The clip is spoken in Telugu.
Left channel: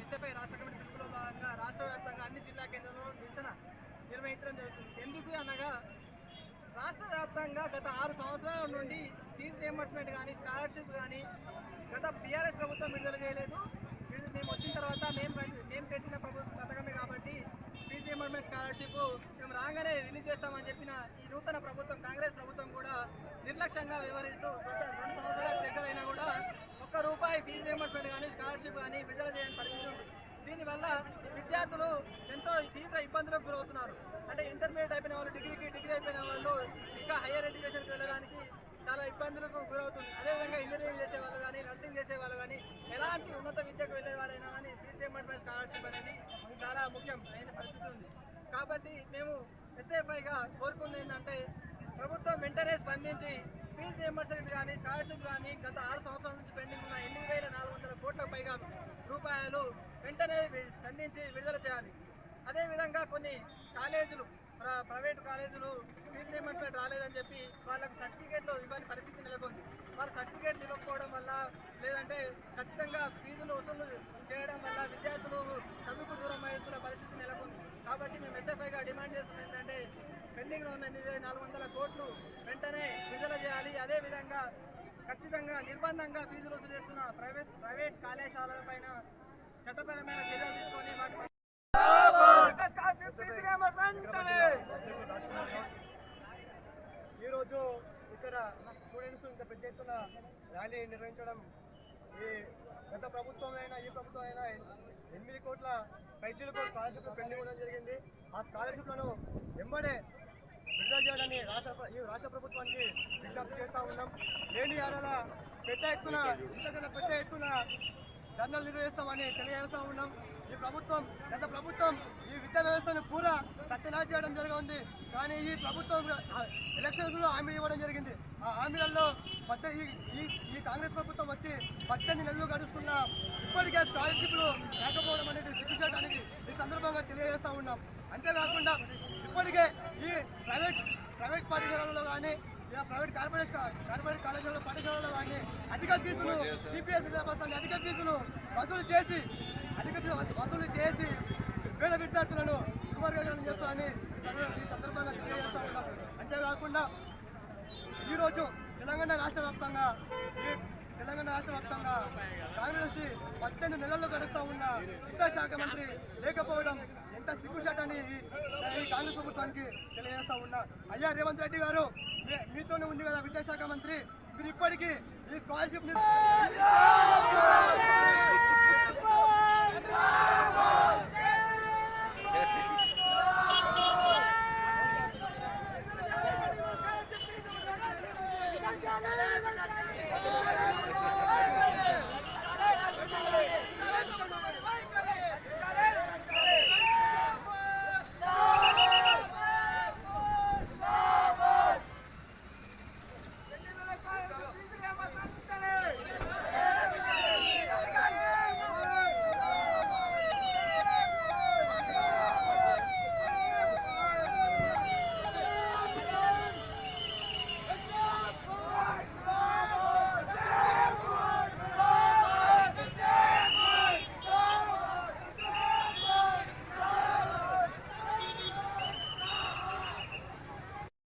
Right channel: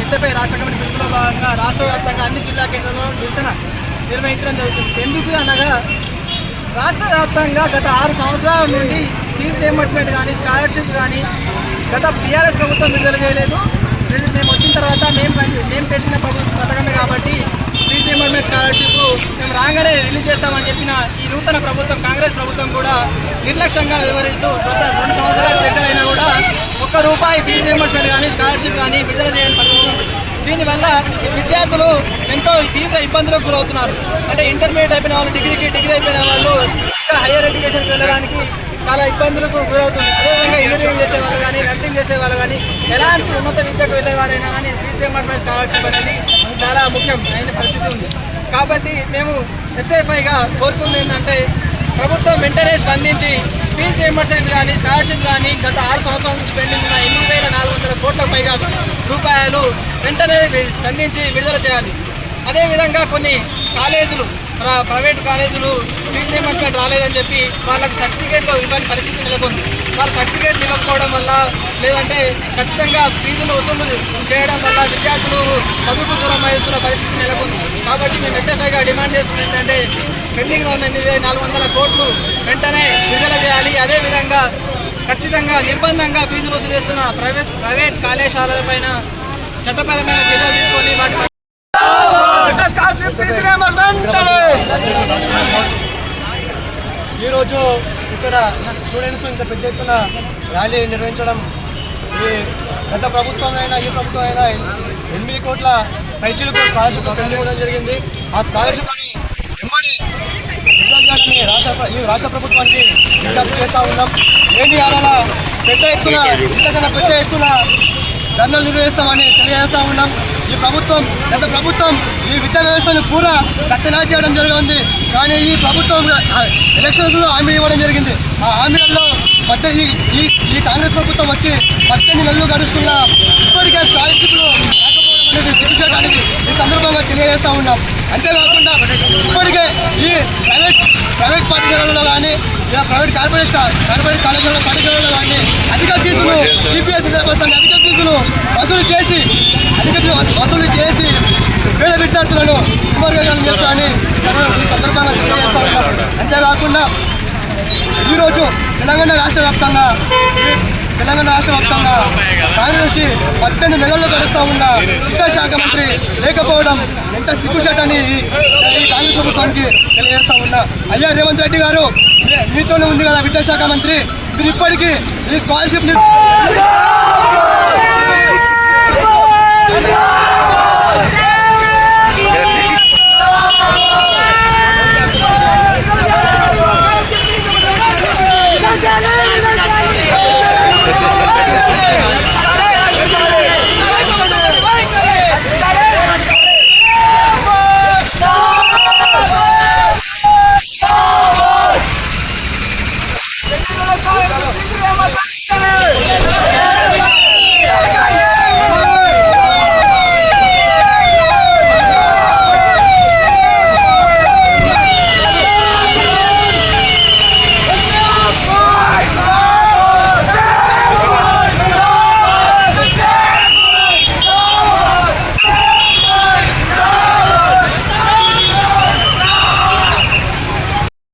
ఎస్ఎఫ్ఐ రాష్ట్ర కమిటీ పిలుపులో భాగంగా రాష్ట్ర వ్యాప్తంగా అన్ని జిల్లా కేంద్రంలో నిరసన నిర్వహించడం జరుగుతుంది. ఎందుకు అనగా రాష్ట్ర వ్యాప్తంగా గత 6 సంవత్సరాల నుండి ఫీజు రియంబర్స్మెంట్ కానీ స్కాలర్షిప్ కానీ గత టీఆర్ఎస్ ప్రభుత్వం విడుదల చేయలేదు. మేము వచ్చిన తర్వాత మేము పెట్టిన పథకమే కాబట్టి ఫీజు రియంబర్స్మెంట్ స్కాలర్షిప్ మేము రాగానే రిలీజ్ చేస్తామని చెప్పిన ఈ నూతన ప్రభుత్వం కాంగ్రెస్ ప్రభుత్వం కూడా నిర్లక్ష్యంగా వ్యవహరిస్తూ గత 2 సంవత్సరాల దగ్గరైనా కూడా ₹1 ఫీజు రియంబర్స్మెంట్ కానీ స్కాలర్షిప్ కానీ విడుదల చేయని పరిస్థితి ఉంది. దీనివల్ల విద్యార్థులు ఎంతో తీవ్ర ఇబ్బందులకు గురవుతున్నారు. అంటే ఇంటర్మీడియట్ అయిపోయిన వాళ్ళు డిగ్రీ అయిపోయిన వాళ్ళు ఇంకా హైయర్ ఎడ్యుకేషన్కి వెళ్ళడానికి చాలా ఇబ్బందులకు గురవుతుంది. అదేవిధంగా ఇంజనీరింగ్ చేసేవాళ్ళు కానీ నర్సింగ్ చేసేవాళ్ళు కానీ ఎలాంటి ఉన్నత విద్యకు వెళ్ళేవారైనా కానీ ఫీజు రియంబర్స్మెంట్ స్కాలర్షిప్ అనేది చాలా ముఖ్యం అయిన పరిస్థితి ఉంది. కాబట్టి మేము ఎస్ఎఫ్ఐగా కోరుకుంది ఏంటంటే ప్రభుత్వం వెంటనే స్పందించి ఫీజు రియంబర్స్మెంట్ కానీ స్కాలర్షిప్ కానీ గత 6 సంవత్సరాల నుంచి పెండింగ్ ఉన్న 8,400 కోట్లకు పైగా రూపాయలు వెంటనే స్పందించి విడుదల చేయాలి. అదేవిధంగా కొన్ని కాలేజీలు ప్రైవేట్ కాలేజీలు ఫీజు రియంబర్స్మెంట్ రాలేదని చెప్పి వాళ్ళకి సర్టిఫికేట్లు ఇవ్వని పరిస్థితి నెలకొంది. వాళ్ళు సర్టిఫికేట్లు ఇవ్వకపోవడం వల్ల లేదంటే ఖచ్చితంగా ఫీజులు వసూలు చేయడం వల్ల విద్యార్థులు చదువుకు దూరం అవుతున్న పరిస్థితి నెలకొంది. కాబట్టి మేము ఎస్ఎఫ్ఐగా డిమాండ్ చేస్తుంది ఏంటంటే పెండింగ్లో ఉన్న 8,400 కోట్లు వెంటనే విడుదల చేయాలి. అదేవిధంగా ఖచ్చితంగా నిర్బంధంగా ఫీజులు వసూలు చేస్తున్న ప్రైవేట్ కళాశాలలపైన చట్టపరమైన చర్యలు తీసుకొని వాటి ఈరోజు ఇక్కడ స్టూడెంట్స్ ఇంత పెద్ద ఎత్తున ర్యాలీ నిర్వహించడం గత ప్రభుత్వం అయినా ఈ ప్రభుత్వం అయినా 8 కోట్ల పైచీలకు స్కాలర్షిప్ పెండింగ్ ఇవ్వడం జరిగింది. ఆ స్కాలర్షిప్ని ఎమ్మడి విడుదల చేయాలని ఈ రాష్ట్ర ప్రభుత్వానికి విజ్ఞప్తి చేస్తూ ఉన్నాం. ఏంటి అలా పెద్ద ఎత్తున ఇంతకన్నా పెద్ద ఎత్తున ధర్నాలు నిర్వహిస్తామని తెలియజేస్తూ ఉన్నాం. ఈ ప్రభుత్వం గత ప్రభుత్వం ఈ విద్యా వ్యవస్థను పూరా సత్యనాశ చేయడం జరిగింది. కానీ ఈ ప్రభుత్వం ఎలక్షన్స్లో హామీ ఇవ్వడం జరిగింది. ఆ హామీలలో ఈ కాంగ్రెస్ ప్రభుత్వం వచ్చి 18 నెలలు గడుస్తున్నా ఇప్పటికే స్కాలర్షిప్లు రాకపోవడం అనేది సిగ్గుచేయడానికి ఈ సందర్భంగా తెలియజేస్తూ ఉన్నాం. అంతేకాకుండా ఇప్పటికే ఈ ప్రైవేట్ పాఠశాలల్లో కానీ ప్రైవేట్ కార్పొరేట్ పాఠశాలలో కానీ అధిక ఫీజులు సిపిఎస్ సిలబస్ అని అధిక ఫీజులు వసూలు చేసి పేద విద్యార్థులను కుమార్గాలను చేస్తామని ఈ సందర్భంగా తెలియజేస్తూ ఉన్నాం. అంతేకాకుండా ఈరోజు తెలంగాణ రాష్ట్ర వ్యాప్తంగా కాంగ్రెస్ 18 నెలల్లో గడుస్తూ ఉన్న విద్యాశాఖ మంత్రి లేకపోవడం ఎంత సిగ్గుచేటని ఈ కాంగ్రెస్ ప్రభుత్వానికి తెలియజేస్తూ ఉన్నా. అయ్యా రేవంత్ రెడ్డి గారు, మీతోనే ఉంది కదా విద్యాశాఖ మంత్రి, మీరు ఇప్పటికీ ఈ స్కాలర్షిప్